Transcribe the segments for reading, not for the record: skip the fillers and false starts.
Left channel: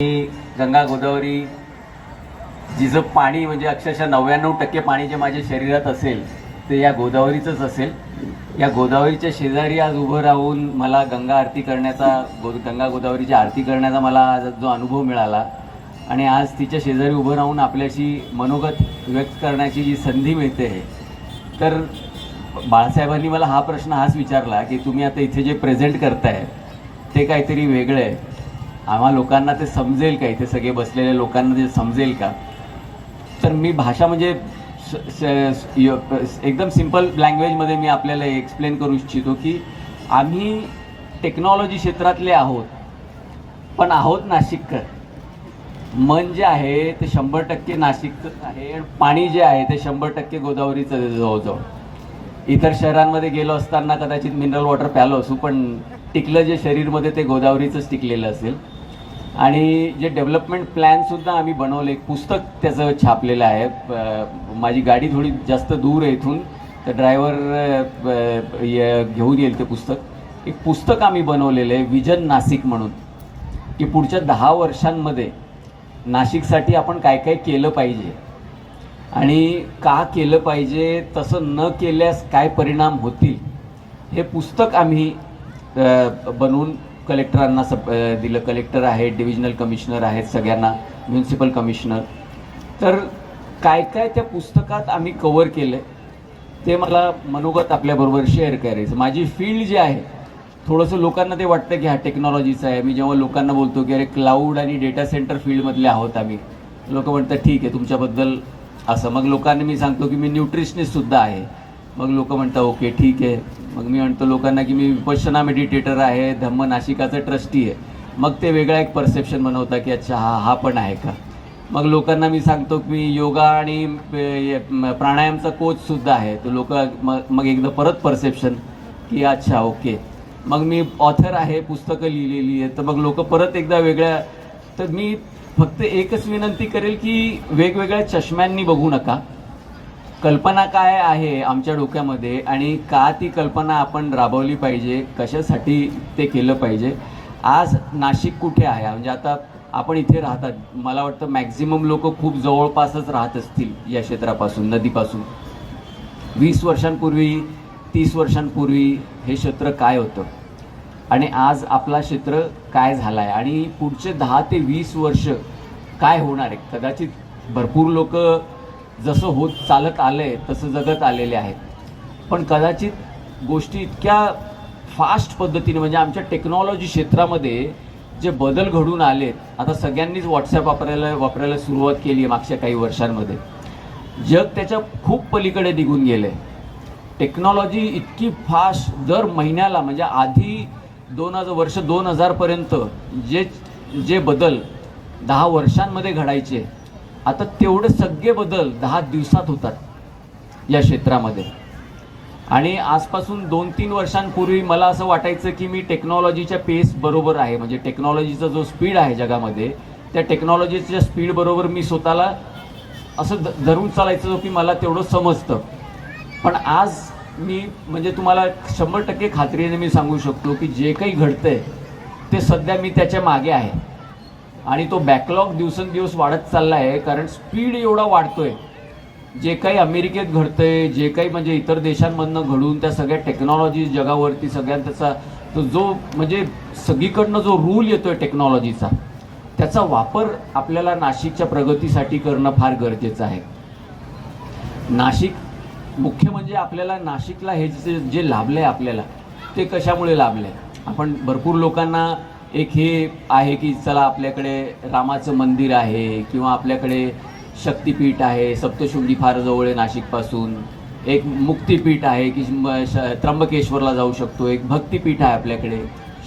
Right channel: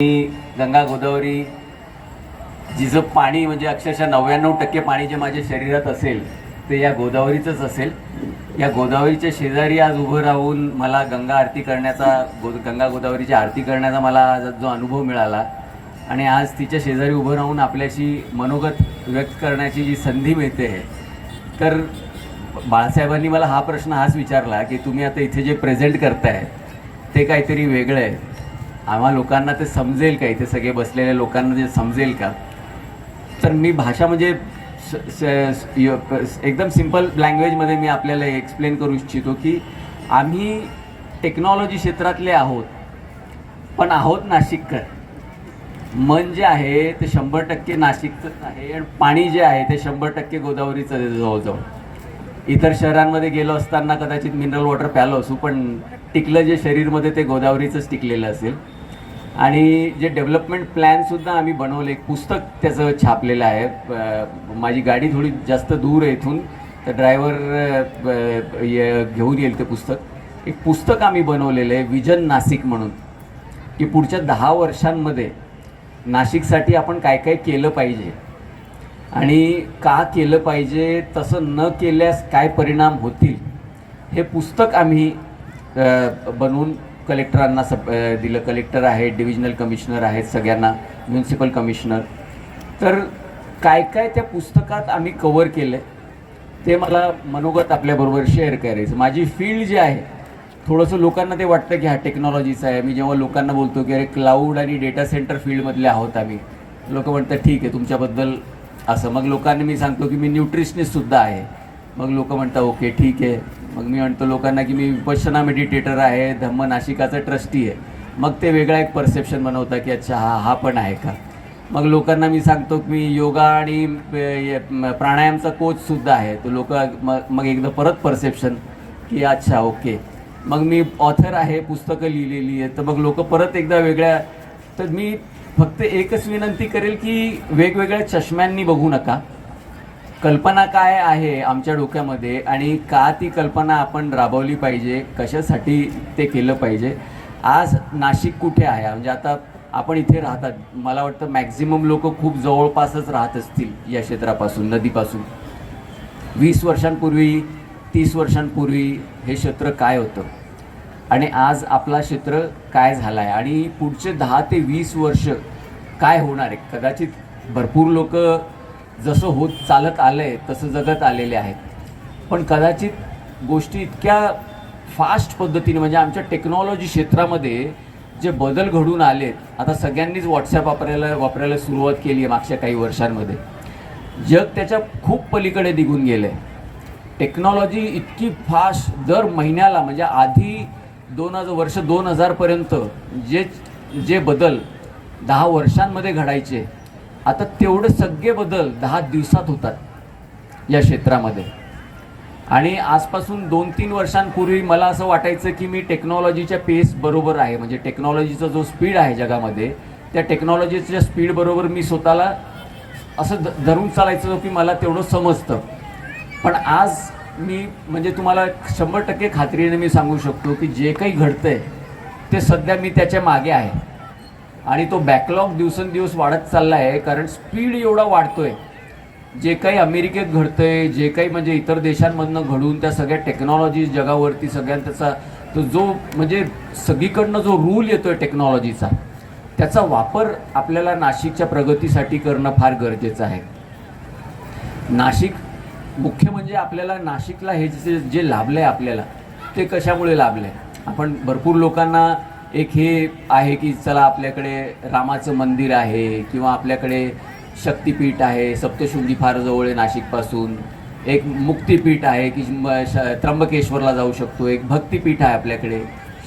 गंगा गोदावरी जिचं पाणी म्हणजे अक्षरशः 99% पाणी जे माझ्या शरीरात असेल ते या गोदावरीचंच असेल. या गोदावरीच्या शेजारी आज उभं राहून मला गंगा आरती करण्याचा गंगा गोदावरीची आरती करण्याचा मला जो अनुभव मिळाला आणि आज तिच्या शेजारी उभं राहून आपल्याशी मनोगत व्यक्त करण्याची जी संधी मिळते, तर बाळासाहेबांनी मला हा प्रश्न हाच विचारला की तुम्ही आता इथे जे प्रेझेंट करताय ते काहीतरी वेगळं आहे, आम्हा लोकांना ते समजेल का, इथे सगळे बसलेल्या लोकांना ते समजेल का. तर मी भाषा म्हणजे एकदम सिंपल लँग्वेजमध्ये मी आपल्याला एक्सप्लेन करू इच्छितो की आम्ही टेक्नॉलॉजी क्षेत्रातले आहोत, पण आहोत नाशिककर. मन जे आहे ते 100% नाशिकचं आहे आणि पाणी जे आहे ते 100% गोदावरीचं आहे. जवळजवळ इतर शहरांमध्ये गेलो असताना कदाचित मिनरल वॉटर प्यालो असू, पण टिकलं जे शरीरमध्ये ते गोदावरीचंच टिकलेलं असेल. आणि जे डेव्हलपमेंट प्लॅनसुद्धा आम्ही बनवले, एक पुस्तक त्याचं छापलेलं आहे. माझी गाडी थोडी जास्त दूर आहे इथून, तर ड्रायव्हर घेऊन येईल ते पुस्तक. एक पुस्तक आम्ही बनवलेलं आहे विजन नाशिक म्हणून, की पुढच्या 10 वर्षांमध्ये नाशिकसाठी आपण काय काय केलं पाहिजे आणि का केलं पाहिजे, तसं न केल्यास काय परिणाम होतील, हे पुस्तक आम्ही बनवून कलेक्टरांना दिलं. कलेक्टर आहेत, डिव्हिजनल कमिशनर आहेत, सगळ्यांना म्युन्सिपल कमिशनर. तर काय काय त्या पुस्तकात आम्ही कव्हर केलं ते मला मनोगत आपल्याबरोबर शेअर करायचं. माझी फील्ड जी आहे, थोडंसं लोकांना ते वाटतं की हा टेक्नॉलॉजीचा आहे. मी जेव्हा लोकांना बोलतो की अरे क्लाउड आणि डेटा सेंटर फील्डमधले आहोत आम्ही, लोक म्हणतात ठीक आहे तुमच्याबद्दल असं. मग लोकांनी मी सांगतो की मी न्यूट्रिशनिस्टसुद्धा आहे. मग लोक म्हणतात ओके ठीक आहे. मग मी म्हणतो लोकांना की मी विपश्यना मेडिटेटर आहे, धम्म नाशिकाचा ट्रस्टी आहे. मग ते वेगळा एक परसेप्शन बनवता की अच्छा हा पण आहे का. मग लोकांना मी सांगतो की मी योगा आणि प्राणायामचा कोचसुद्धा आहे. तर लोक मग एकदा परत परसेप्शन की अच्छा ओके. मग मी ऑथर आहे, पुस्तकं लिहिलेली आहे. तर मग लोक परत एकदा वेगळ्या. तर मी फक्त एकच विनंती करेल की वेगवेगळ्या चष्म्यांनी बघू नका. कल्पना काय आहे आमच्या डोक्यामध्ये आणि का ती कल्पना आपण राबवली पाहिजे, कशासाठी ते केलं पाहिजे. आज नाशिक कुठे आहे, म्हणजे आता आपण इथे राहतात, मला वाटतं मॅक्झिमम लोक खूप जवळपासच राहत असतील या क्षेत्रापासून, नदीपासून. 20 वर्षांपूर्वी 30 वर्षांपूर्वी हे क्षेत्र काय होतं आणि आज आपला क्षेत्र काय झाला आहे आणि पुढचे 10 ते 20 वर्ष काय होणार आहे. कदाचित भरपूर लोक जसं होत चालत आलं आहे तसं जगत आलेले आहेत, पण कदाचित गोष्टी इतक्या फास्ट पद्धतीने, म्हणजे आमच्या टेक्नॉलॉजी क्षेत्रामध्ये जे बदल घडून आलेत. आता सगळ्यांनीच व्हॉट्सॲप वापरायला सुरुवात केली आहे मागच्या काही वर्षांमध्ये. जग त्याच्या खूप पलीकडे निघून गेलं आहे. टेक्नॉलॉजी इतकी फास्ट, दर महिन्याला, म्हणजे आधी 2000 पर्यंत जे बदल 10 वर्षांमध्ये घडायचे, आता तेवढे सगळे बदल 10 दिवसात होतात या क्षेत्रामध्ये. आणि आजपासून 2-3 वर्षांपूर्वी मला असं वाटायचं की मी टेक्नॉलॉजीच्या पेस बरोबर आहे, म्हणजे टेक्नॉलॉजीचा जो स्पीड आहे जगामध्ये, त्या टेक्नॉलॉजीच्या स्पीड बरोबर मी स्वतःला असं धरून चालायचं की मला तेवढं समजतं. पण आज मी म्हणजे तुम्हाला 100% खात्रीने मी सांगू शकतो की जे काही घडतंय ते सध्या मी त्याच्या मागे आहे आणि तो बॅकलॉग दिवसेंदिवस वाढत चालला आहे. कारण स्पीड एवढा वाढतोय. जे काही अमेरिकेत घडतंय, जे काही म्हणजे इतर देशांमधनं घडून त्या सगळ्या टेक्नॉलॉजी जगावरती सगळ्यात त्याचा तो जो म्हणजे सगळीकडनं जो रूल येतोय टेक्नॉलॉजीचा, त्याचा वापर आपल्याला नाशिकच्या प्रगतीसाठी करणं फार गरजेचं आहे. नाशिक मुख्य म्हणजे आपल्याला नाशिकला हे जे लाभलं आहे आपल्याला, ते कशामुळे लाभलं आहे. आपण भरपूर लोकांना एक हे आहे की चला आपल्याकडे रामाचं मंदिर आहे किंवा आपल्याकडे शक्तिपीठ आहे, सप्तशृंगी फार जवळ आहे नाशिकपासून, एक मुक्तिपीठ आहे की त्र्यंबकेश्वरला जाऊ शकतो, एक भक्तिपीठ आहे आपल्याकडे,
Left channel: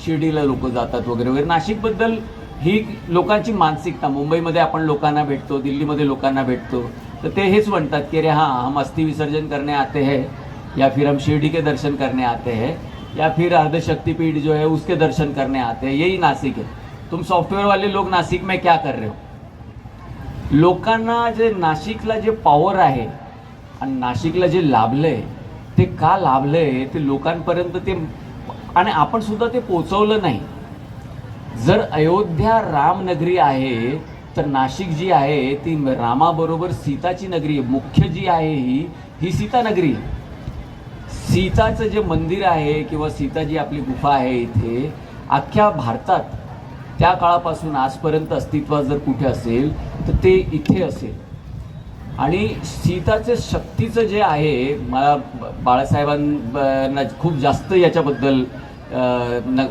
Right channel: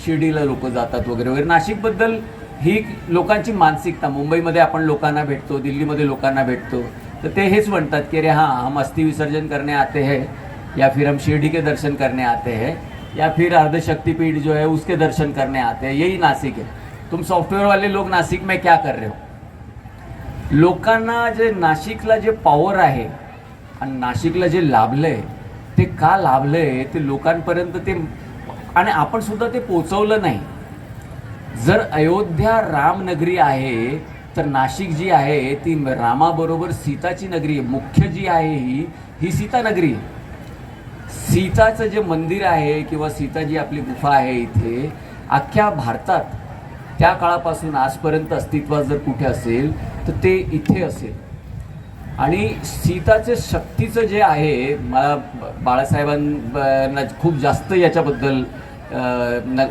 शिर्डीला लोक जातात वगैरे वगैरे. नाशिकबद्दल ही लोकांची मानसिकता, मुंबईमध्ये आपण लोकांना भेटतो, दिल्लीमध्ये लोकांना भेटतो, तर ते हेच म्हणतात की अरे हाँ हम अस्थि विसर्जन करने आते हैं, या फिर हम शिरडी के दर्शन करने आते हैं, या फिर अर्धशक्तिपीठ जो है उसके दर्शन करने आते हैं. यही नासिक है. तुम सॉफ्टवेयर वाले लोग नासिक में क्या कर रहे हो. लोकांना जे नाशिकला जे पॉवर आहे आणि नाशिकला जे लाभलंय ते का लाभलंय ते लोकांपर्यंत ते, आणि आपण सुद्धा ते पोचवलं नाही. जर अयोध्या रामनगरी आहे तर नाशिक जी आहे ती रामाबरोबर सीताची नगरी आहे. मुख्य जी आहे ही सीता नगरी आहे. सीताचं जे मंदिर आहे किंवा सीता जी आपली गुफा आहे इथे अख्ख्या भारतात त्या काळापासून आजपर्यंत अस्तित्वात जर कुठे असेल तर ते इथे असेल. आणि सीताचे शक्तीचं जे आहे मला बाळासाहेबांना खूप जास्त याच्याबद्दल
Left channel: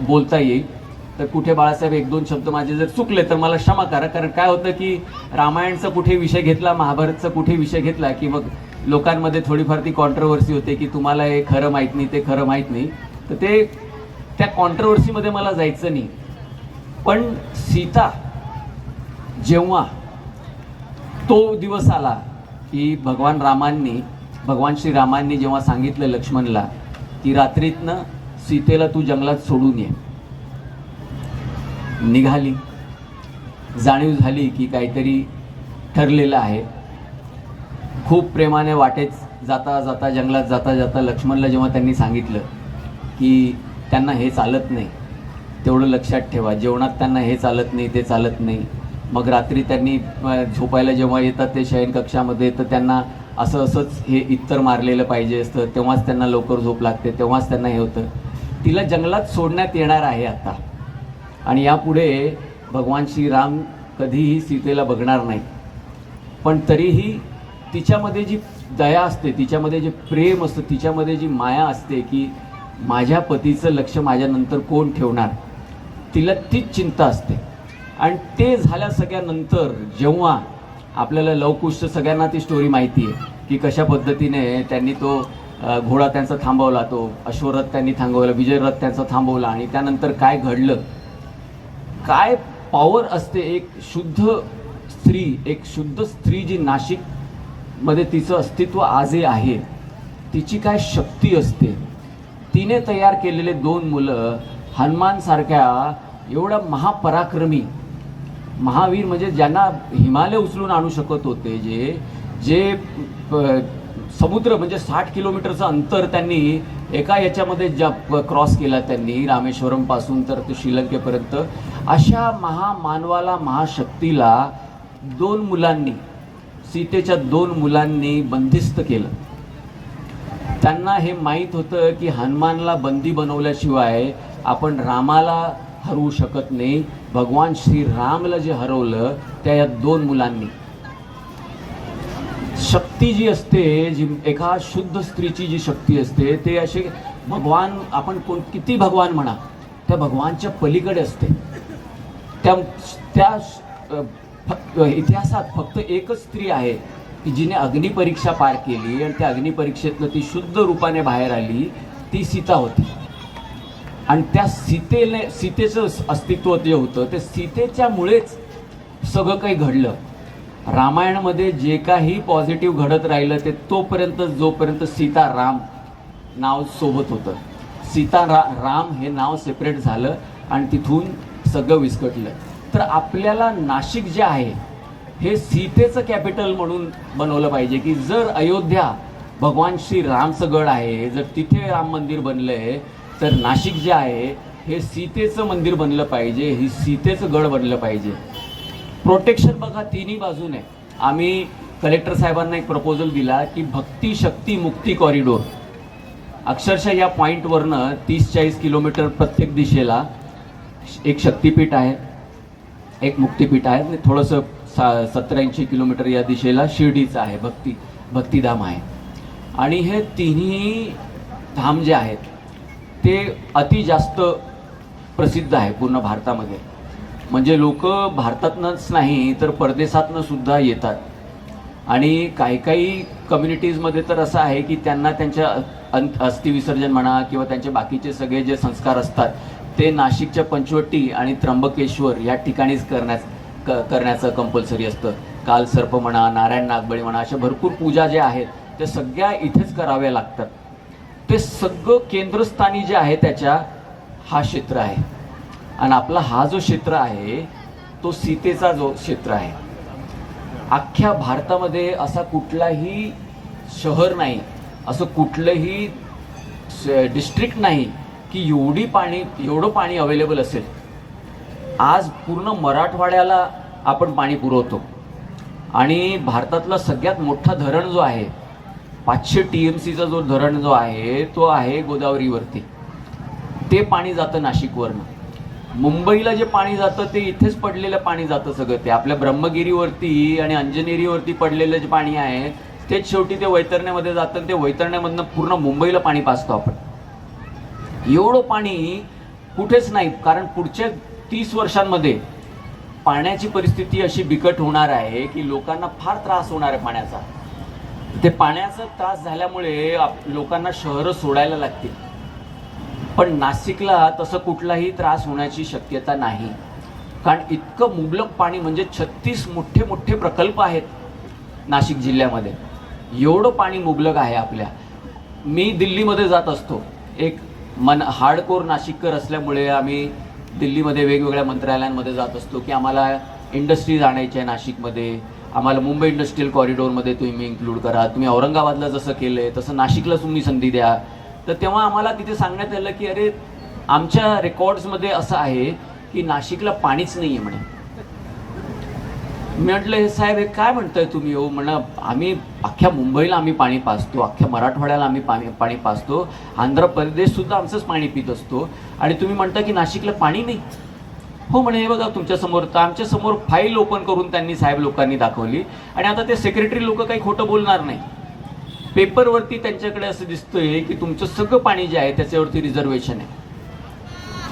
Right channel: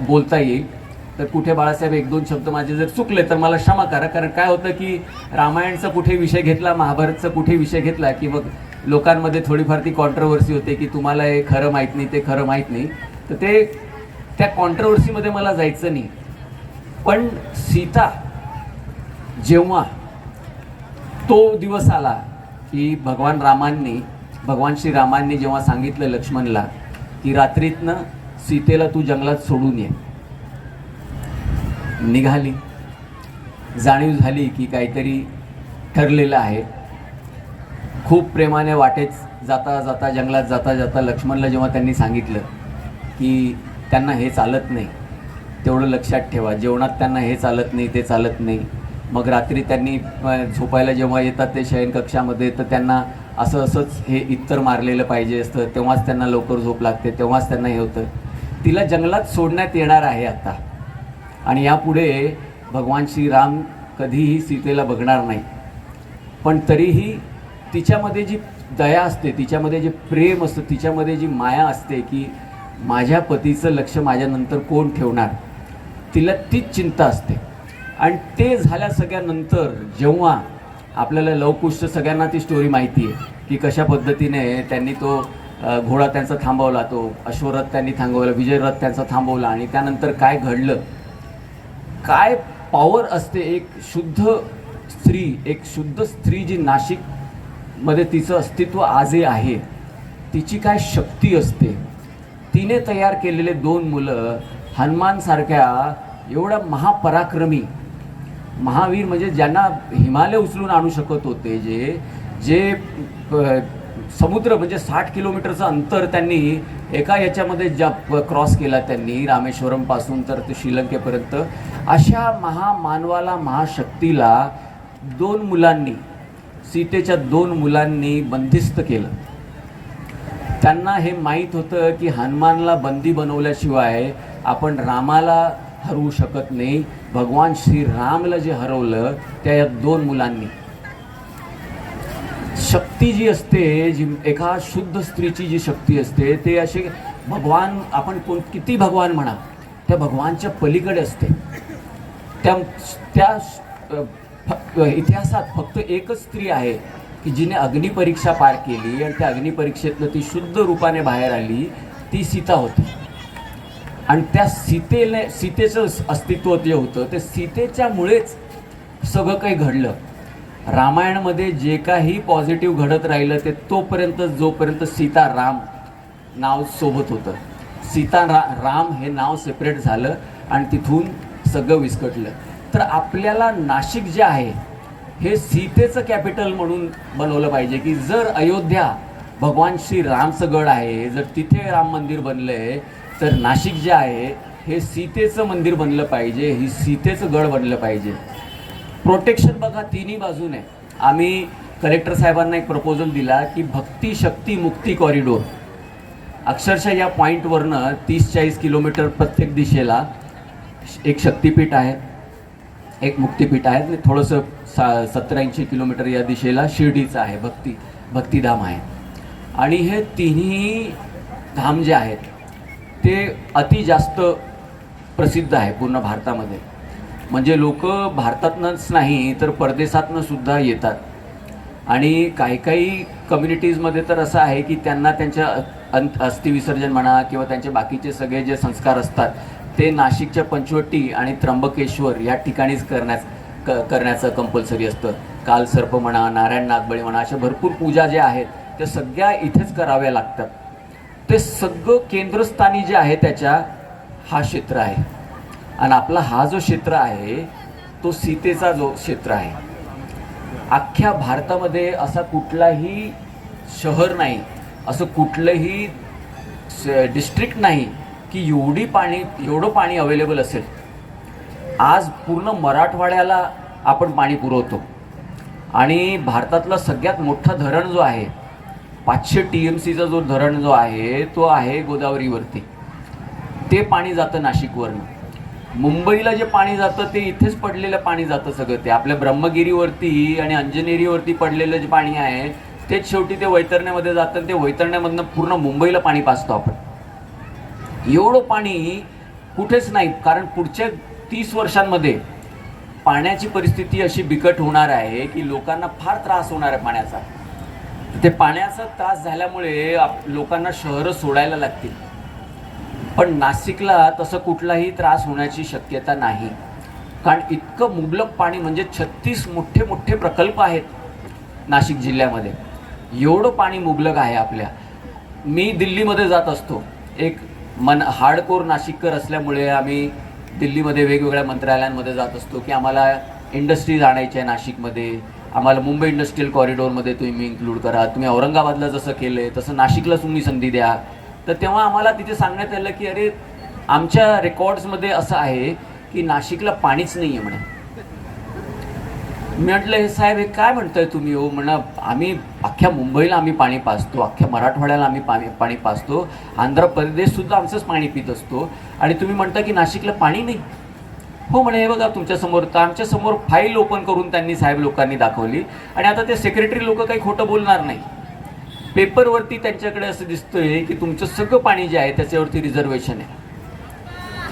बोलता येईल. तर कुठे बाळासाहेब एक दोन शब्द माझे जर चुकले तर मला क्षमा करा. कारण काय होतं की रामायणचा कुठे विषय घेतला, महाभारतचा कुठे विषय घेतला की मग लोकांमध्ये थोडीफार ती कॉन्ट्रोवर्सी होते की तुम्हाला हे खरं माहीत नाही, ते खरं माहीत नाही. तर ते त्या कॉन्ट्रोवर्सीमध्ये मला जायचं नाही. पण सीता जेव्हा तो दिवस आला की भगवान श्रीरामांनी जेव्हा सांगितलं लक्ष्मणला की रात्रीतनं सीतेला तू जंगलात सोडून ये, निघाली. जाणीव झाली की काहीतरी ठरलेलं आहे. खूप प्रेमाने वाटेत जाता जाता जंगलात जाता जाता लक्ष्मणला जेव्हा त्यांनी सांगितलं की त्यांना हे चालत नाही, तेवढं लक्षात ठेवा, जेवणात त्यांना हे चालत नाही, ते चालत नाही. मग रात्री त्यांनी झोपायला जेव्हा येतात ते शयनकक्षामध्ये तर त्यांना असंच हे इत्तर मारलेलं पाहिजे असतं, तेव्हाच त्यांना लवकर झोप लागते, तेव्हाच त्यांना हे होतं. तिला जंगलात सोडण्यात येणार आहे आता. आणि यापुढे भगवान श्रीराम कधीही सीतेला बघणार नाही. पण तरीही तिच्यामध्ये जी दया असते, तिच्यामध्ये जे प्रेम असतं, तिच्यामध्ये जी माया असते की माझ्या पतीचं लक्ष माझ्यानंतर कोण ठेवणार, तिला तीच चिंता असते. आणि ते झाल्या सगळ्यानंतर जेव्हा आपल्याला लवकुश सगळ्यांना ती स्टोरी माहिती आहे की कशा पद्धतीने त्यांनी तो घोडा त्यांचा थांबवला, तो अश्वरथ त्यांनी थांबवला, विजयरथ त्यांचा थांबवला. आणि त्यानंतर काय घडलं, काय पॉवर असते एक शुद्ध स्त्री जी नाशिकमध्ये तिचं अस्तित्व आजही आहे, तिची काय शक्ती असते. तिने तयार केलेले 2 मुलं हनुमानसारख्या एवढा महापराक्रमी महावीर, म्हणजे ज्यांना हिमालय उचलून आणू शकत होते, जे समुद्र म्हणजे 60 किलोमीटरचं अंतर त्यांनी एका याच्यामध्ये क्रॉस केला त्यांनी, रामेश्वरमपासून तर ते श्रीलंकेपर्यंत. अशा महामानवाला, महाशक्तीला 2 मुलांनी, सीतेच्या 2 मुलांनी बंदिस्त केलं. त्यांना हे माहीत होतं की हनुमानला बंदी बनवल्याशिवाय आपण रामाला हरवू शकत नाही. भगवान श्रीरामला जे हरवलं त्या या 2 मुलांनी. शक्ती जी असते, जी एका शुद्ध स्त्रीची जी शक्ती असते, ते असे भगवान, आपण किती भगवान म्हणा, त्या भगवानच्या पलीकडे असते. त्या इतिहासात फक्त एकच स्त्री आहे की जिने अग्निपरीक्षा पार केली आणि त्या अग्निपरीक्षेतनं ती शुद्ध रूपाने बाहेर आली, ती सीता होती. आणि त्या सीतेचं अस्तित्व जे होतं ते सीतेच्यामुळेच सगळं काही घडलं. रामायणामध्ये जे काही पॉझिटिव्ह घडत राहिलं ते तोपर्यंत जोपर्यंत सीताराम नाव सोबत होतं. राम हे नाव सेपरेट झालं आणि तिथून सगळं विस्कटलं. तर आपल्याला नाशिक जे आहे हे सीतेचं कॅपिटल म्हणून बनवलं पाहिजे की जर अयोध्या भगवान श्रीरामचं गड आहे, जर तिथे राम मंदिर बनलं आहे, तर नाशिक जे आहे हे सीतेचं मंदिर बनलं पाहिजे, ही सीतेचं गड बनलं पाहिजे. प्रोटेक्शन बघा तिन्ही बाजूने. आम्ही कलेक्टर साहेबांना एक प्रपोजल दिला की भक्ती शक्ती मुक्ती कॉरिडोर, अक्षरशः या पॉईंटवरनं 30-40 किलोमीटर प्रत्येक दिशेला एक शक्तिपीठ आहे, एक मुक्तिपीठ आहे, थोडंसं 70-80 किलोमीटर या दिशेला शिर्डीचं आहे, भक्तिधाम आहे. आणि हे तिन्ही धाम जे आहेत ते अति जास्त प्रसिद्ध आहे पूर्ण भारतामध्ये. म्हणजे लोक भारतातनंच नाही तर परदेशातनं सुद्धा येतात. आणि काही कम्युनिटीजमध्ये तर असं आहे की त्यांना त्यांच्या अस्थिविसर्जन म्हणा किंवा त्यांचे बाकीचे सगळे जे संस्कार असतात ते नाशिकच्या पंचवटी आणि त्र्यंबकेश्वर या ठिकाणीच करण्याचं कंपल्सरी असतं. कालसर्प म्हणा, नारायण नागबळी म्हणा, अशा भरपूर पूजा ज्या आहेत त्या सगळ्या इथेच कराव्या लागतात. ते सगळं केंद्रस्थानी जे आहे त्याच्या हा क्षेत्र आहे. आणि आपला हा जो क्षेत्र आहे तो सीतेचा जो क्षेत्र आहे. अख्ख्या भारतामध्ये असा कुठलाही शहर नाही, असं कुठलंही डिस्ट्रिक्ट नाही की एवढं पाणी अवेलेबल असेल. आज पूर्ण मराठवाड्याला आपण पाणी पुरवतो आणि भारतातला सगळ्यात मोठा धरण जो आहे 500 TMCचा जो धरण जो आहे तो आहे गोदावरीवरती. ते पाणी जातं नाशिकवरनं. मुंबईला जे पाणी जातं ते इथेच पडलेलं पाणी जातं सगळं. ते आपल्या ब्रह्मगिरीवरती आणि अंजनेरीवरती पडलेलं जे पाणी आहे तेच शेवटी ते वैतरण्यामध्ये जातं. ते वैतरण्यामधनं पूर्ण मुंबईला पाणी पाजतो आपण. एवढं पाणी कुठेच नाही, कारण पुढच्या 30 वर्षांमध्ये पाण्याची परिस्थिती अशी बिकट होणार आहे की लोकांना फार त्रास होणार आहे पाण्याचा. ते पाण्याचा त्रास झाल्यामुळे लोकांना शहरं सोडायला लागतील. पण नाशिकला तसं कुठलाही त्रास होण्याची शक्यता नाही, कारण इतकं मुबलक पाणी, म्हणजे 36 मोठे मोठे प्रकल्प आहेत नाशिक जिल्ह्यामध्ये. एवढं पाणी मुबलक आहे आपल्या. मी दिल्लीमध्ये जात असतो. एक हार्डकोर नाशिककर असल्यामुळे आम्ही दिल्लीमध्ये वेगवेगळ्या मंत्रालयांमध्ये जात असतो की आम्हाला इंडस्ट्रीज आणायच्या आहे नाशिकमध्ये, आम्हाला मुंबई इंडस्ट्रियल कॉरिडॉरमध्ये तुम्ही इन्क्लूड करा, तुम्ही औरंगाबादला जसं केलं आहे तसं नाशिकला तुम्ही संधी द्या. तर तेव्हा आम्हाला तिथे सांगण्यात आलं की अरे आमच्या रेकॉर्ड्समध्ये असं आहे की नाशिकला पाणीच नाही आहे म्हणे. मी म्हटलं हे साहेब हे काय म्हणताय तुम्ही? हो म्हणा, आम्ही अख्ख्या मुंबईला आम्ही पाणी पाजतो, अख्ख्या मराठवाड्याला आम्ही पाणी पाजतो, आंध्र प्रदेशसुद्धा आमचंच पाणी पित असतो आणि तुम्ही म्हणता की नाशिकला पाणी नाही. हो म्हणे, हे बघा तुमच्यासमोर, तर आमच्यासमोर फाईल ओपन करून त्यांनी साहेब लोकांनी दाखवली. आणि आता ते सेक्रेटरी लोक काही खोटं बोलणार नाही. पेपरवरती त्यांच्याकडे असं दिसतंय की तुमचं सगळं पाणी जे आहे त्याच्यावरती रिझर्वेशन आहे,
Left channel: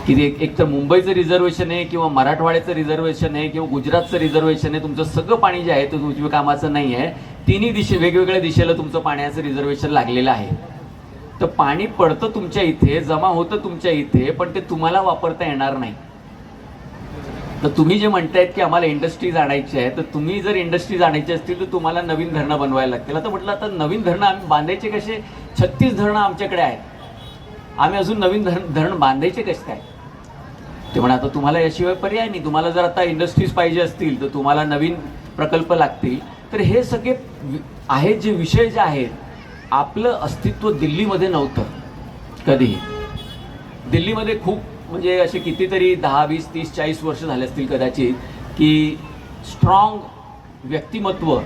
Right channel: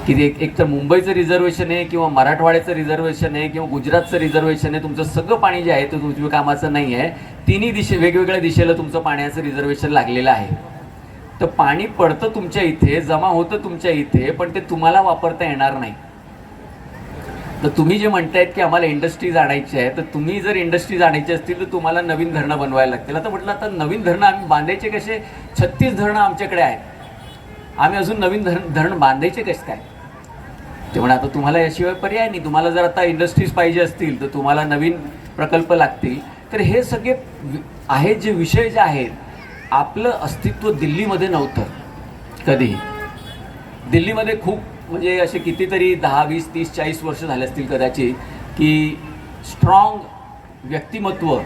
की एक तर मुंबईचं रिझर्वेशन आहे किंवा मराठवाड्याचं रिझर्वेशन आहे किंवा गुजरातचं रिझर्वेशन आहे. तुमचं सगळं पाणी जे आहे ते तुमच्या कामाचं नाही आहे. तिन्ही वेगवेगळ्या दिशेला तुमचं पाण्याचं रिझर्वेशन लागलेलं आहे. तर पाणी पडतं तुमच्या इथे, जमा होतं तुमच्या इथे, पण ते तुम्हाला वापरता येणार नाही. तर तुम्ही जे म्हणतायत की आम्हाला इंडस्ट्रीज आणायची आहे, तर तुम्ही जर इंडस्ट्रीज आणायची असतील तर तुम्हाला नवीन धरणं बनवायला लागतील. आता म्हटलं आता नवीन धरणं आम्ही बांधायचे कसे? 36 धरणं आमच्याकडे आहेत, आम्ही अजून नवीन धरण बांधायचे कसे काय? ते म्हणा आता तुम्हाला याशिवाय पर्याय नाही. तुम्हाला जर आता इंडस्ट्रीज पाहिजे असतील तर तुम्हाला नवीन प्रकल्प लागतील. तर हे सगळे आहेत जे विषय जे आहेत, आपलं अस्तित्व दिल्लीमध्ये नव्हतं कधीही. दिल्लीमध्ये खूप म्हणजे असे कितीतरी 10, 20, 30, 40 वर्ष झाले असतील कदाचित की स्ट्रॉंग व्यक्तिमत्व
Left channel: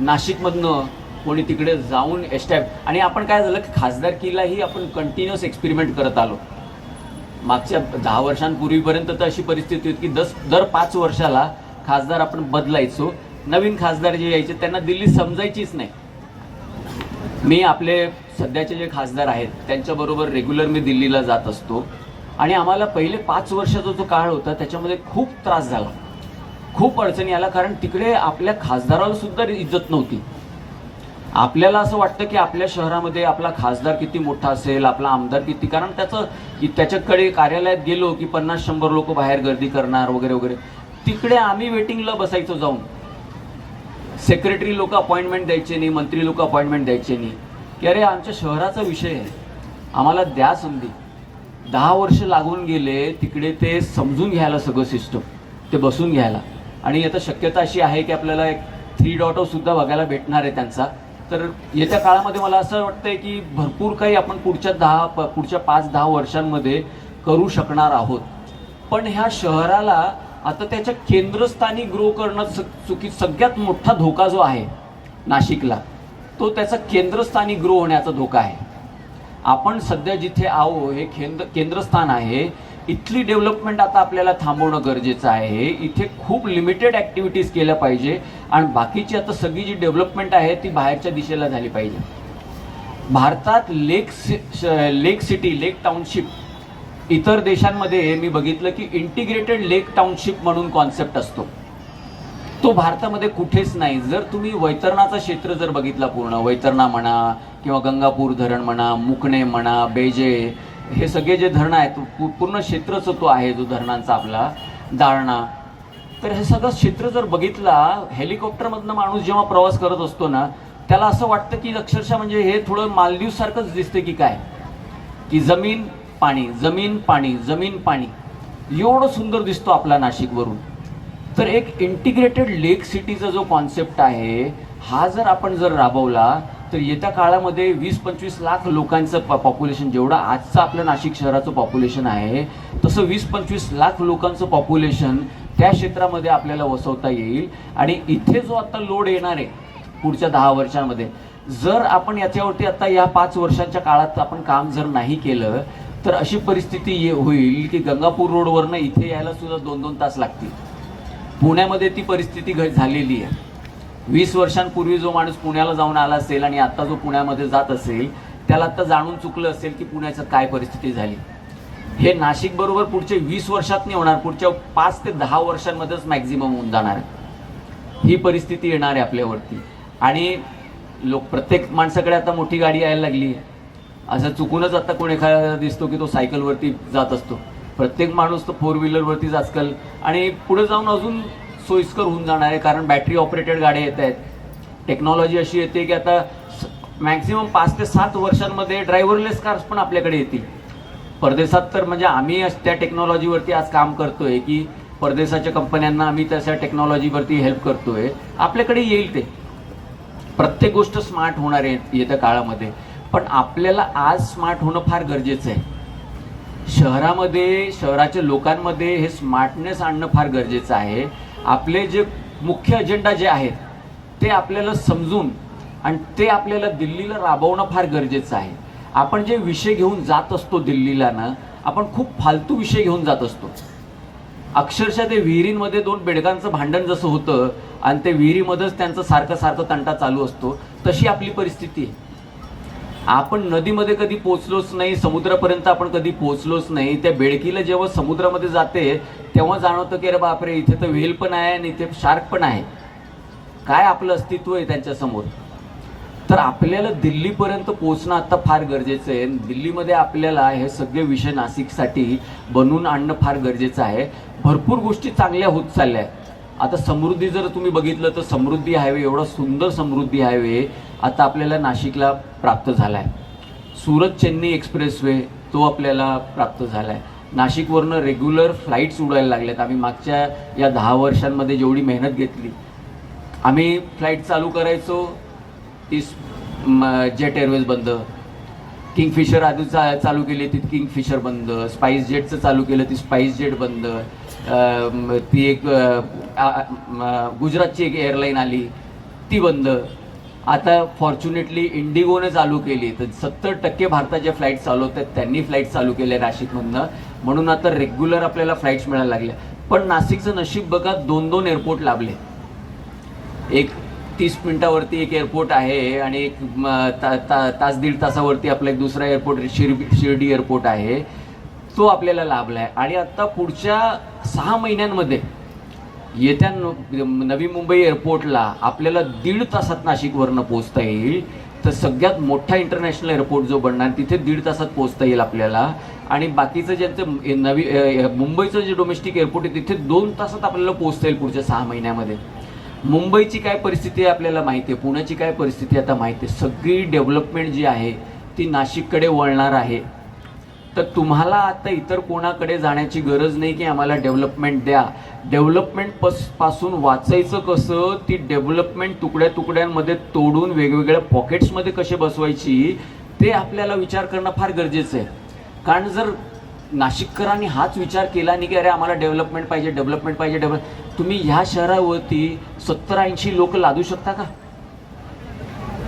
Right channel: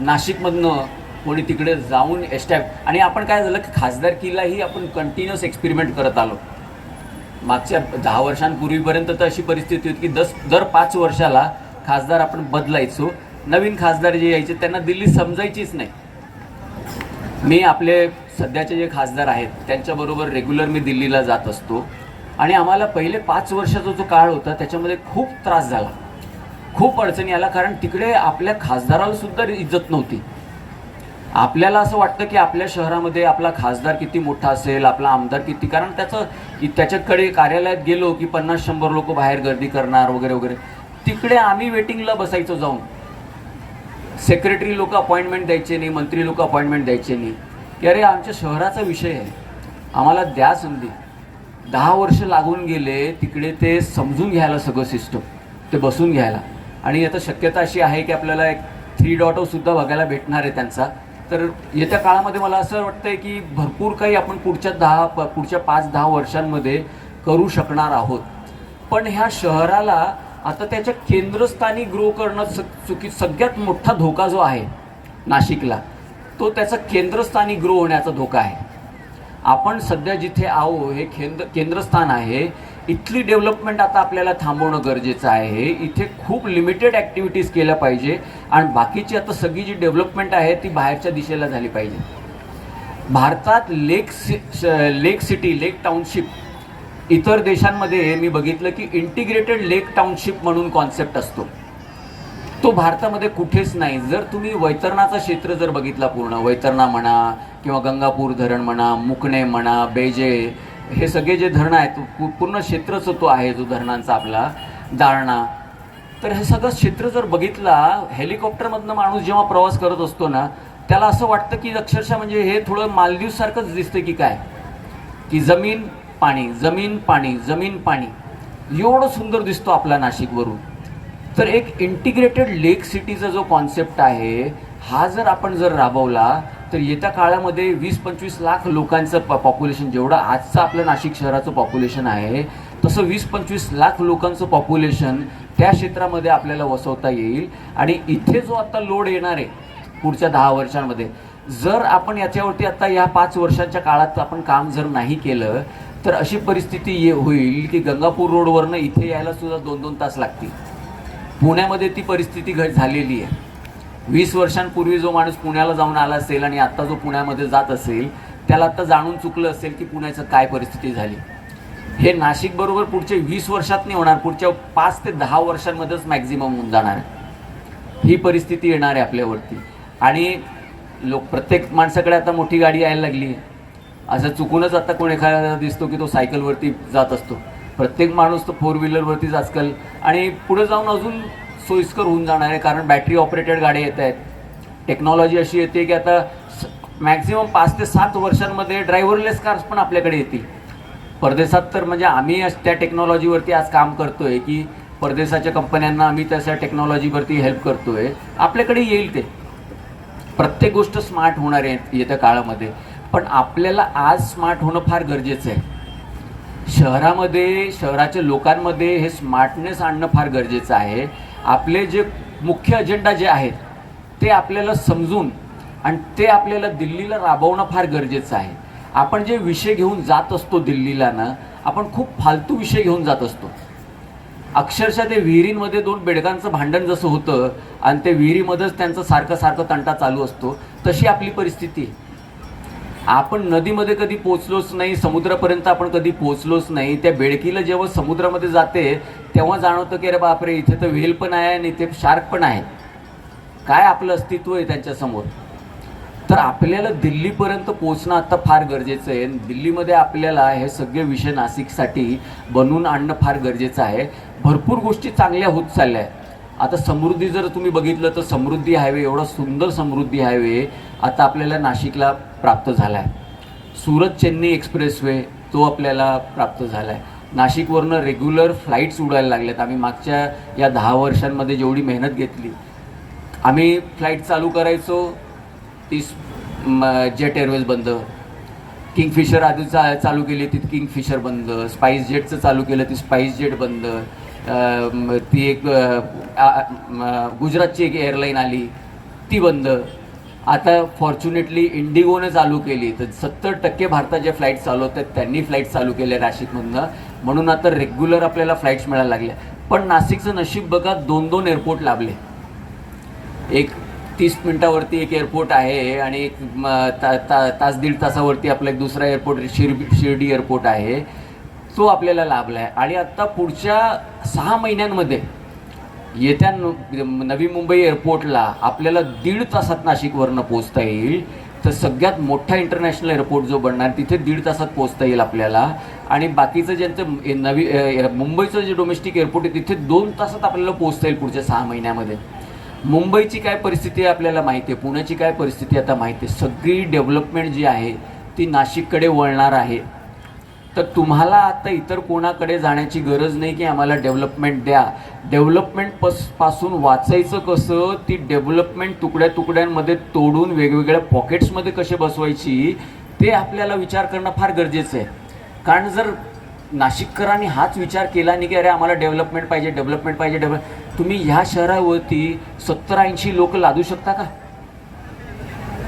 नाशिकमधनं कोणी तिकडे जाऊन आणि आपण काय झालं की खासदारकीलाही आपण कंटिन्युअस एक्सपेरिमेंट करत आलो. मागच्या 10 वर्षांपूर्वीपर्यंत तर अशी परिस्थिती होती की दर 5 वर्षाला खासदार आपण बदलायचो. नवीन खासदार जे यायचे त्यांना दिल्ली समजायचीच नाही. मी आपले सध्याचे जे खासदार आहेत त्यांच्याबरोबर रेग्युलर मी दिल्लीला जात असतो आणि आम्हाला पहिले 5 वर्षाचा जो काळ होता त्याच्यामध्ये खूप त्रास झाला, खूप अडचणी आला, कारण तिकडे आपल्या खासदाराला सुद्धा इज्जत नव्हती. आपल्याला असं वाटतं की आपल्या शहरामध्ये आपला खासदार किती मोठा असेल, आपला आमदार किती, कारण त्याच्याकडे कार्यालयात गेलो की 50-100 लोक बाहेर गर्दी करणार वगैरे वगैरे. तिकडे आम्ही वेटिंगला बसायचो जाऊन. सेक्रेटरी लोक अपॉइंटमेंट द्यायचे नाही, मंत्री लोक अपॉइंटमेंट द्यायचे नाही की अरे आमच्या शहराचा विषय आहे, आम्हाला द्या संधी. 10 वर्ष लागून गेले तिकडे ते समजून घ्यायला सगळं सिस्टम, ते बसून घ्यायला. आणि आता शक्यता अशी आहे की आपल्याला एक 3.0 सुद्धा बघायला भेटणार आहे त्यांचा. तर येत्या काळामध्ये मला असं वाटतंय की भरपूर काही आपण पुढच्या 5-10 वर्षांमध्ये करू शकणार आहोत. पण ह्या शहराला आता त्याच्या केंद्रस्थानी ग्रो करणं सगळ्यात मोठा धोका जो आहे नाशिकला, तो त्याचा केंद्रस्थानी ग्रो होण्याचा धोका आहे. आपण सध्या जिथे आहो हे केंद्रस्थान आहे. इथली डेव्हलपमेंट आता आपल्याला थांबवणं गरजेचं आहे. इथे खूप लिमिटेड ॲक्टिव्हिटीज केल्या पाहिजे आणि बाकीची आता सगळी जी डेव्हलपमेंट आहे ती बाहेरच्या दिशेला झाली पाहिजे. भारतात लेक सिटी, लेक टाउनशिप, इतर देशांमध्ये मी बघितलं की इंटिग्रेटेड लेक टाउनशिप म्हणून कॉन्सेप्ट असतो. तो भारतामध्ये कुठेच नाही. जर तुम्ही वैतरणाचा क्षेत्र जर बघितला, पूर्ण वैतरणा म्हणा किंवा गंगापूर धरण म्हणा, मुकणे म्हणा, बेजे, हे सगळे जे धरणं आहेत, पूर्ण क्षेत्रच तो आहे जो धरणांचा आपला दारणा. तर हे सगळं क्षेत्र जर बघितला, हेलिकॉप्टरमधनं माणूस जेव्हा प्रवास करत असतो ना, त्याला असं वाटतं की अक्षरशः म्हणजे हे थोडं मालदीवसारखंच दिसतं की काय, की जमीन पाणी, जमीन पाणी, जमीन पाणी, एवढं सुंदर दिसतो आपला नाशिकवरून. तर एक इंटिग्रेटेड लेक सिटीचा जो कॉन्सेप्ट आहे हा जर आपण राबवला तर येत्या काळामध्ये 20-25 लाख लोकांचं पॉप्युलेशन, जेवढं आजचं आपलं नाशिक शहराचं पॉप्युलेशन आहे तसं 20-25 लाख लोकांचं पॉप्युलेशन त्या क्षेत्रामध्ये आपल्याला वसवता येईल. आणि इथे जो आता लोड येणार आहे पुढच्या 10 वर्षांमध्ये, जर आपण याच्यावरती आता या 5 वर्षांच्या काळात आपण काम जर नाही केलं तर अशी परिस्थिती होईल की गंगापूर रोडवरनं इथे यायला सुद्धा 2-2 तास लागतील. पुण्यामध्ये ती परिस्थिती झालेली आहे. 20 वर्षांपूर्वी जो माणूस पुण्याला जाऊन आला असेल आणि आता जो पुण्यामध्ये जात असेल त्याला आता जाणून चुकलं असेल की पुण्याचं काय परिस्थिती झाली. हे नाशिक बरोबर पुढचे 20 वर्षात नाही होणार, पुढच्या 5 ते 10 वर्षांमध्येच मॅक्झिमम होऊन जाणार. ही परिस्थिती येणार आहे आपल्यावरती. आणि प्रत्येक माणसाकडे आता मोठी गाडी यायला लागली. असं चुकूनच आता कोण एखादा दिसतो की तो सायकलवरती जात असतो. प्रत्येक माणूस तो 4 व्हीलरवरतीच आजकाल, आणि पुढे जाऊन अजून सोयीस्कर होऊन जाणार आहे कारण बॅटरी ऑपरेटेड गाड्या येत आहेत. टेक्नॉलॉजी अशी येते की आता मॅक्झिमम 5 ते 7 वर्षांमध्ये ड्रायव्हरलेस कार्स पण आपल्याकडे येतील. परदेशात तर म्हणजे आम्ही त्या टेक्नॉलॉजीवरती आज काम करतोय की परदेशाच्या कंपन्यांना आम्ही तशा टेक्नॉलॉजीवरती हेल्प करतोय. आपल्याकडे येईल ते. प्रत्येक गोष्ट स्मार्ट होणार आहे येत्या काळामध्ये. पण आपल्याला आज स्मार्ट होणं फार गरजेचं आहे. शहरामध्ये, शहराच्या लोकांमध्ये हे स्मार्टनेस आणणं फार गरजेचं आहे. आपले जे मुख्य अजेंडा जे आहेत ते आपल्याला समजून आणि ते आपल्याला दिल्लीला राबवणं फार गरजेचं आहे. आपण जे विषय घेऊन जात असतो दिल्लीला ना, आपण खूप फालतू विषय घेऊन जात असतो. अक्षरशः ते विहिरींमध्ये 2 बेडकांचं भांडण जसं होतं आणि ते विहिरीमध्येच त्यांचं सारखं तंटा चालू असतो, तशी आपली परिस्थिती आहे. आपण नदीमध्ये कधी पोचलोच नाही, समुद्रापर्यंत आपण कधी पोचलोच नाही. त्या बेडकीला जेव्हा समुद्रामध्ये जाते तेव्हा जाणवतं की अरे बापरे, इथे तर व्हेल पण आहे आणि इथे शार्क पण आहे. काय आपलं अस्तित्व आहे त्यांच्यासमोर. तर आपल्याला दिल्लीपर्यंत पोचणं आता फार गरजेचं आहे. दिल्लीमध्ये आपल्याला हे सगळे विषय नाशिकसाठी बनवून आणणं फार गरजेचं आहे. भरपूर गोष्टी चांगल्या होत चालल्या आहेत. आता समृद्धी जर तुम्ही बघितलं तर समृद्धी हायवे, एवढा सुंदर समृद्धी हायवे आता आपल्याला नाशिकला प्राप्त झाला आहे. सुरत चेन्नई एक्सप्रेसवे तो आपल्याला प्राप्त झाला आहे. नाशिकवरनं रेग्युलर फ्लाईट्स उडायला लागल्यात. आम्ही मागच्या या 10 वर्षांमध्ये जेवढी मेहनत घेतली, आम्ही फ्लाईट चालू करायचो ती जेट एअरवेज बंद, किंगफिशर आधी चालू केली ती किंगफिशर बंद, स्पाइस जेटचं चालू केलं ती स्पाइस जेट बंद, ती एक गुजरातची एक एअरलाईन आली ती बंद. आता फॉर्च्युनेटली इंडिगोने चालू केली तर 70% भारताच्या फ्लाईट चालवतात त्यांनी फ्लाईट चालू केल्या नाशिकमधनं. म्हणून आता रेग्युलर आपल्याला फ्लाईट्स मिळायला लागल्या. पण नाशिकचं नशीब बघा, 2-2 एअरपोर्ट लाभले. एक 30 मिनिटावरती एक एअरपोर्ट आहे आणि एक तास दीड तासावरती आपला एक दुसरा एअरपोर्ट शिर्डी एअरपोर्ट आहे, तो आपल्याला लाभला आहे. आणि आता पुढच्या 6 महिन्यांमध्ये येत्या नवी मुंबई एअरपोर्टला आपल्याला 1.5 तासात नाशिकवरनं पोचता येईल. तर सगळ्यात मोठा इंटरनॅशनल एअरपोर्ट जो बनणार तिथे 1.5 तासात पोचता येईल आपल्याला. आणि बाकीचं ज्यांचं मुंबईचं जे डोमेस्टिक एअरपोर्ट आहे तिथे 2 तासात आपल्याला पोचता येईल पुढच्या 6 महिन्यामध्ये. मुंबईची काय परिस्थिती आहे आपल्याला माहिती आहे, पुण्याची काय परिस्थिती आता माहिती आहे. सगळी डेव्हलपमेंट जी आहे ती नाशिककडे वळणार आहे. तर तुम्हाला आता इतर कोणाकडे जाण्याची गरज नाही की आम्हाला डेव्हलपमेंट द्या. डेव्हलपमेंट पासून वाचायचं कसं, ती डेव्हलपमेंट तुकड्या तुकड्यांमध्ये तोडून वेगवेगळ्या पॉकेट्समध्ये कसे बसवायची ते आपल्याला विचार करणं फार गरजेचं आहे. कारण जर नाशिककरांनी हाच विचार केला नाही की अरे आम्हाला डेव्हलपमेंट पाहिजे, तुम्ही ह्या शहरावरती 70-80 लोक लादू शकता का?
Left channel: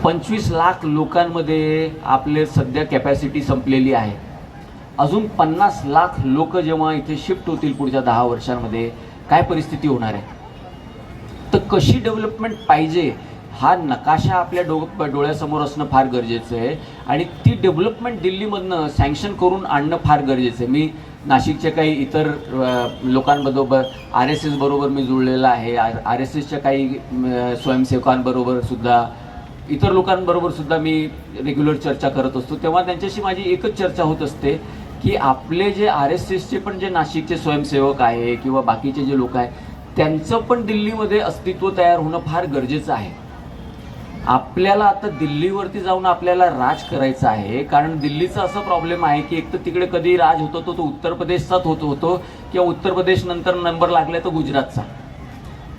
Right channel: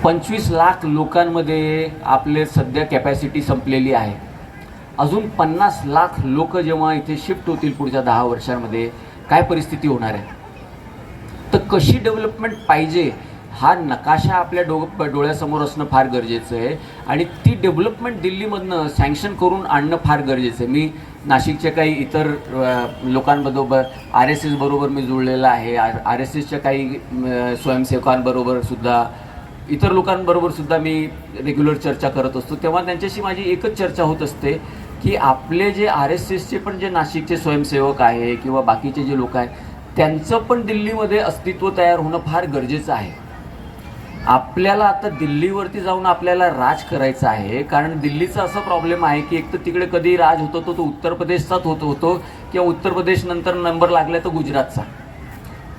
25 लाख लोकांमध्ये आपले सध्या कॅपॅसिटी संपलेली आहे. अजून 50 लाख लोक जेव्हा इथे शिफ्ट होतील पुढच्या 10 वर्षांमध्ये काय परिस्थिती होणार आहे. तर कशी डेव्हलपमेंट पाहिजे हा नकाशा आपल्या डोळ्यासमोर असणं फार गरजेचं आहे. आणि ती डेव्हलपमेंट दिल्लीमधनं सँक्शन करून आणणं फार गरजेचं आहे. मी नाशिकच्या काही इतर लोकांबरोबर RSS बरोबर मी जुळलेला आहे. RSSच्या काही स्वयंसेवकांबरोबर सुद्धा, इतर लोकांबरोबर सुद्धा मी रेग्युलर चर्चा करत असतो. तेव्हा त्यांच्याशी माझी एकच चर्चा होत असते की आपले जे RSSचे पण जे नाशिकचे स्वयंसेवक आहे किंवा बाकीचे जे लोक आहेत त्यांचं पण दिल्लीमध्ये अस्तित्व तयार होणं फार गरजेचं आहे. आपल्याला आता दिल्लीवरती जाऊन आपल्याला राज करायचं आहे. कारण दिल्लीचा असा प्रॉब्लेम आहे की एक तर तिकडे कधी राज होतो तो उत्तर प्रदेशचाच होतो किंवा उत्तर प्रदेश नंतर नंबर लागला तर गुजरातचा.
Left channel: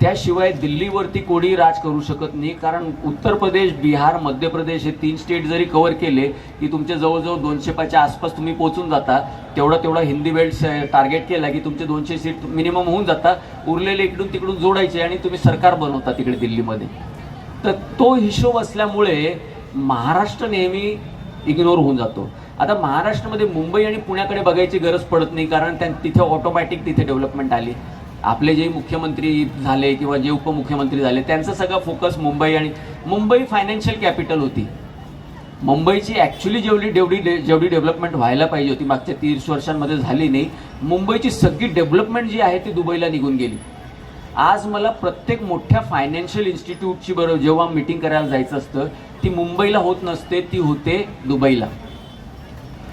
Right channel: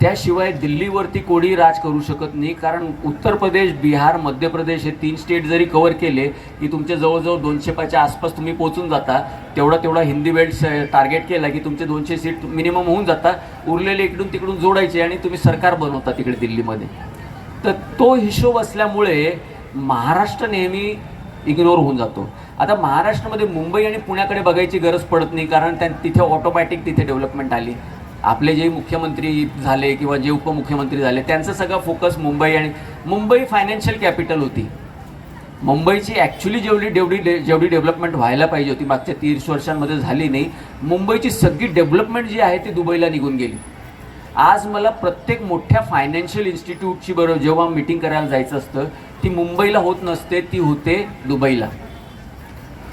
त्याशिवाय दिल्लीवरती कोणी राज करू शकत नाही. कारण उत्तर प्रदेश, बिहार, मध्य प्रदेश हे 3 स्टेट जरी कव्हर केले की तुमच्या जवळजवळ 200च्या आसपास तुम्ही पोहोचून जाता. तेवढा हिंदी बेल्ट टार्गेट केला की तुमचे 200 सीट मिनिमम होऊन जातात, उरलेले इकडून तिकडून जोडायचे आणि तुम्ही सरकार बनवता तिकडे दिल्लीमध्ये. तर तो हिशोब असल्यामुळे महाराष्ट्र नेहमी इग्नोर होऊन जातो. आता महाराष्ट्रामध्ये मुंबई आणि पुण्याकडे बघायची गरज पडत नाही, कारण तिथे ऑटोमॅटिक तिथे डेव्हलपमेंट आली. आपले जे मुख्यमंत्री झाले किंवा जे उपमुख्यमंत्री झाले त्यांचा सगळा फोकस मुंबई फायनान्शियल कॅपिटल होती. मुंबईची ॲक्च्युली जेवढी डेव्हलपमेंट व्हायला पाहिजे होती मागच्या 30 वर्षांमध्ये झाली नाही. मुंबईची सगळी डेव्हलपमेंट जी आहे ती दुबईला निघून गेली. आज मला प्रत्येक मोठ्या फायनान्शियल इन्स्टिट्यूटची बरोबर जेव्हा मीटिंग करायला जायचं असतं ती मुंबईला होत नसते, ती होते दुबईला.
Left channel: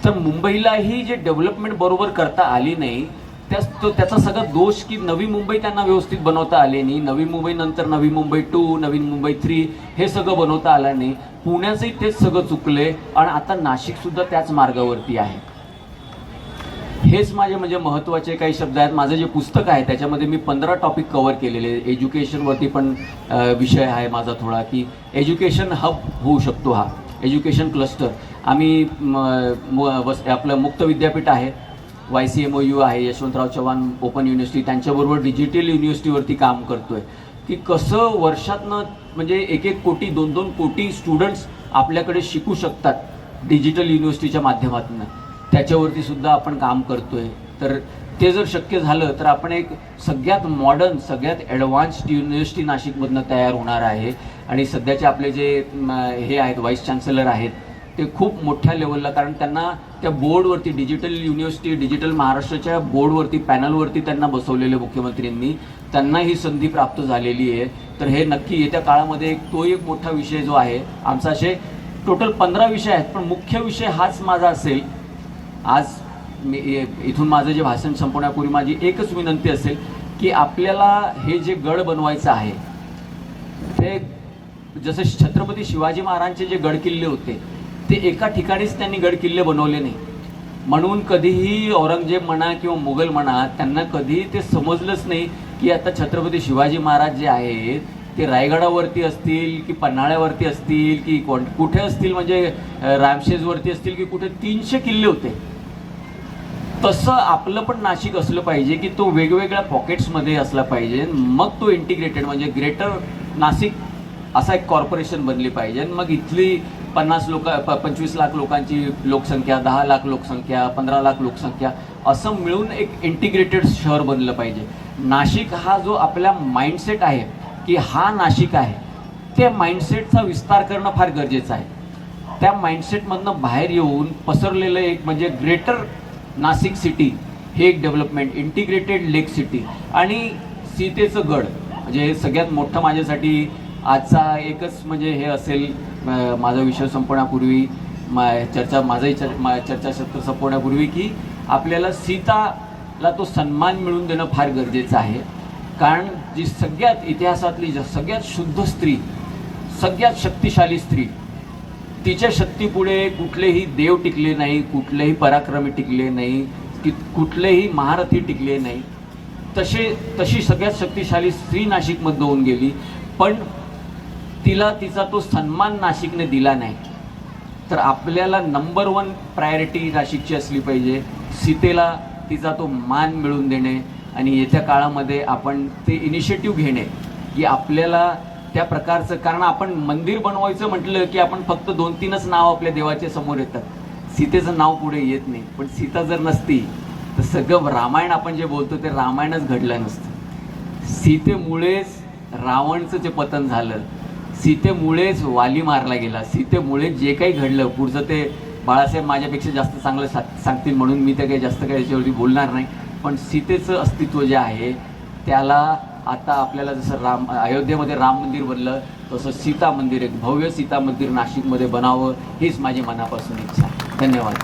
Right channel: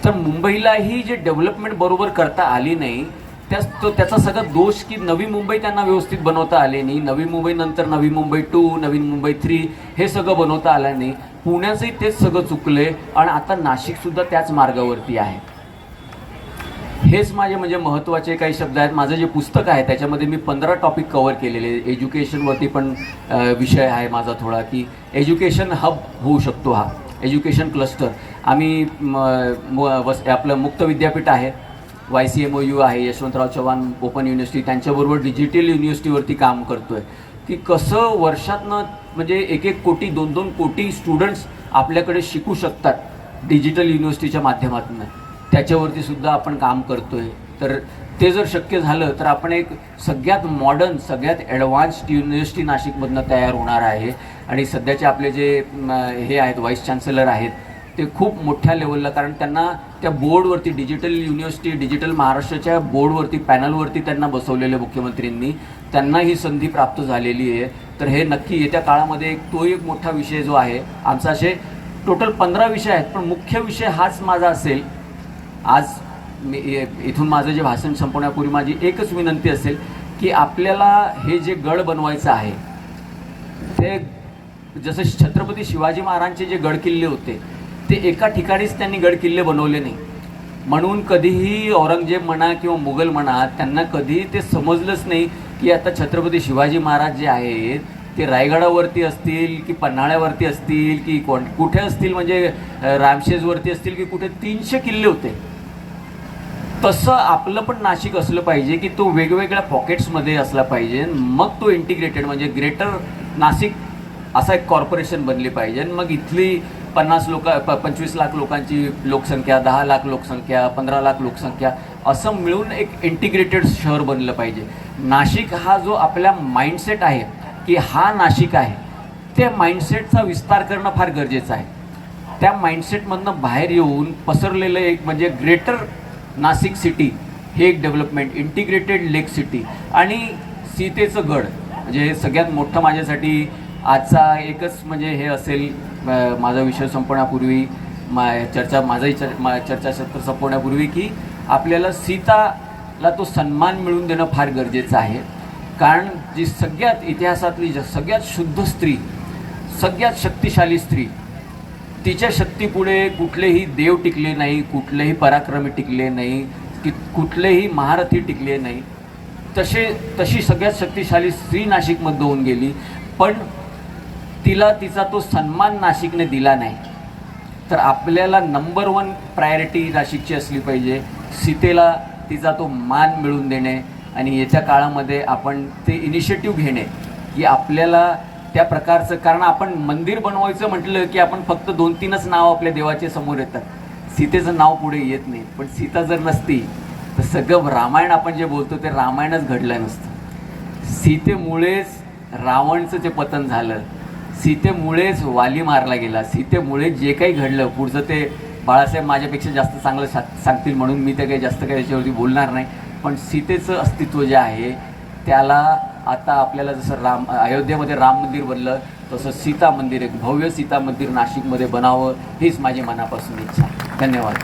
तर मुंबईलाही जे डेव्हलपमेंट बरोबर करता आली नाही त्याचा सगळा दोष की नवी मुंबई त्यांना व्यवस्थित बनवता आले नाही. नवी मुंबई नंतर नवी मुंबई 2, नवी मुंबई 3 हे सगळं बनवता आलं नाही. पुण्याचंही तेच सगळं चुकलंय आणि आता नाशिकसुद्धा त्याच मार्गावरती आहे. हेच माझे म्हणजे महत्त्वाचे काही शब्द आहेत. माझं जे पुस्तक आहे त्याच्यामध्ये मी 15 टॉपिक कव्हर केलेले. एज्युकेशनवरती पण विषय आहे माझा थोडा, की एज्युकेशन हब होऊ शकतो हा एज्युकेशन क्लस्टर. आम्ही आपलं मुक्त विद्यापीठ आहे, YCMOU आहे, यशवंतराव चव्हाण ओपन युनिव्हर्सिटी, त्यांच्याबरोबर डिजिटल युनिव्हर्सिटीवरती काम करतोय की कसं वर्षातनं म्हणजे 1-1 कोटी 2-2 कोटी स्टुडंट्स आपल्याकडे शिकू शकतात डिजिटल युनिव्हर्सिटीच्या माध्यमातून. त्याच्यावरती सुद्धा आपण काम करतोय. तर ते जर शक्य झालं तर आपण एक सगळ्यात मॉडर्न सगळ्यात ॲडव्हान्स्ड युनिव्हर्सिटी नाशिकमधनं तयार होणार आहे. आणि सध्याचे आपले जे हे आहेत व्हाईस चान्सलर आहेत ते खूप मोठ्या लेवलला, कारण त्यांना त्या बोर्डवरती डिजिटल युनिव्हर्सिटी डिजिटल महाराष्ट्राच्या बोर्डवरती पॅनलवरती त्यांना बसवलेले मुख्यमंत्र्यांनी, त्यांना ही संधी प्राप्त झालेली आहे. तर हे नक्की येत्या काळामध्ये तो एक मोठा विषय जो आहे आमचा, असे टोटल 15 विषय आहेत पण मुख्य विषय हाच माझा असेल. आज मी इथून माझं जे भाषण संपवण्यापूर्वी माझी एकच विनंती असेल की आपल्याला हे जे गड बनवायचं आहे ते जसं छत्रपती शिवाजी महाराजांचे जे गड किल्ले होते ते एका ठिकाणीच त्यांनी गड किल्ले बनवले नाही. म्हणून कधीही औरंगजेब म्हणा किंवा मुघल म्हणा त्यांना कधीही ते समजलंच नाही की आता छत्रपती शिवाजी महाराज जे आहेत ते रायगडावरती असतील की पन्हाळ्यावरती असतील की कुठे असतील, म्हणजे रामशेजवरती असतील की कुठे 300 किल्ले होते. तसं आपलं पण नाशिक असलं पाहिजे की तो वेगवेगळ्या पॉकेट्समध्ये असला पाहिजे. मग तो इंटिग्रेटेड म्हणजे ग्रेटर नाशिक असा एक कॉर्पोरेशन बनली पाहिजे. मग इथली 25 लाख लोकांची लोकसंख्या, 10 लाख लोकसंख्या, 15 लाख लोकसंख्या असं मिळून एक इंटिग्रेटेड शहर बनलं पाहिजे. नाशिक हा जो आपला माइंडसेट आहे की हा नाशिक आहे, त्या माइंडसेटचा विस्तार करणं फार गरजेचं आहे. त्या माइंडसेटमधनं बाहेर येऊन पसरलेलं एक म्हणजे ग्रेटर नाशिक सिटी हे एक डेव्हलपमेंट, इंटिग्रेटेड लेक सिटी आणि सीतेचं गड म्हणजे हे सगळ्यात मोठं माझ्यासाठी आजचा एकच म्हणजे हे असेल. माझा विषय संपवण्यापूर्वी चर्चासत्र संपवण्यापूर्वी की आपल्याला सीताला तो सन्मान मिळवून देणं फार गरजेचं आहे. कारण जी सगळ्यात इतिहासातली सगळ्यात शुद्ध स्त्री, सगळ्यात शक्तिशाली स्त्री, तिच्या शक्तीपुढे कुठलेही देव टिकले नाही, कुठलेही पराक्रमी टिकले नाही, की कुठलेही महारथी टिकले नाही. तशी सगळ्यात शक्तिशाली स्त्री नाशिकमध्ये होऊन गेली, पण तिला तिचा तो सन्मान नाशिकने दिला नाही. तर आपल्याला नंबर 1 प्रायोरिटी नाशिकची असली पाहिजे, सीतेला तिचा तो मान मिळवून देणे आणि येत्या काळामध्ये आपण ते इनिशिएटिव्ह घेणे की आपल्याला त्या प्रकारचं, कारण आपण मंदिर बनवायचं म्हटलं की आपण फक्त 2-3च नाव आपल्या देवाचे समोर येतात, सीतेचं नाव पुढे येत नाही. पण सीता जर नसती तर सगळं रामायण आपण जे बोलतो ते रामायणच घडलं नसतं. सीतेमुळेच रावणचं ते पतन झालं, सीतेमुळेच वाली मारला गेला, सीतेमुळे जे काही घडलं पुढचं ते बाळासाहेब माझ्यापेक्षा जास्त चांगलं सांगतील म्हणून मी ते काही जास्त काही याच्यावरती बोलणार नाही. पण सीतेचं अस्तित्व जे आहे त्याला आता आपल्याला जसं अयोध्येमध्ये राम मंदिर बनलं तसं सीता मंदिर, एक भव्य सीता मंदिर नाशिकमध्ये बनावं हीच माझी मनापासून इच्छा. धन्यवाद.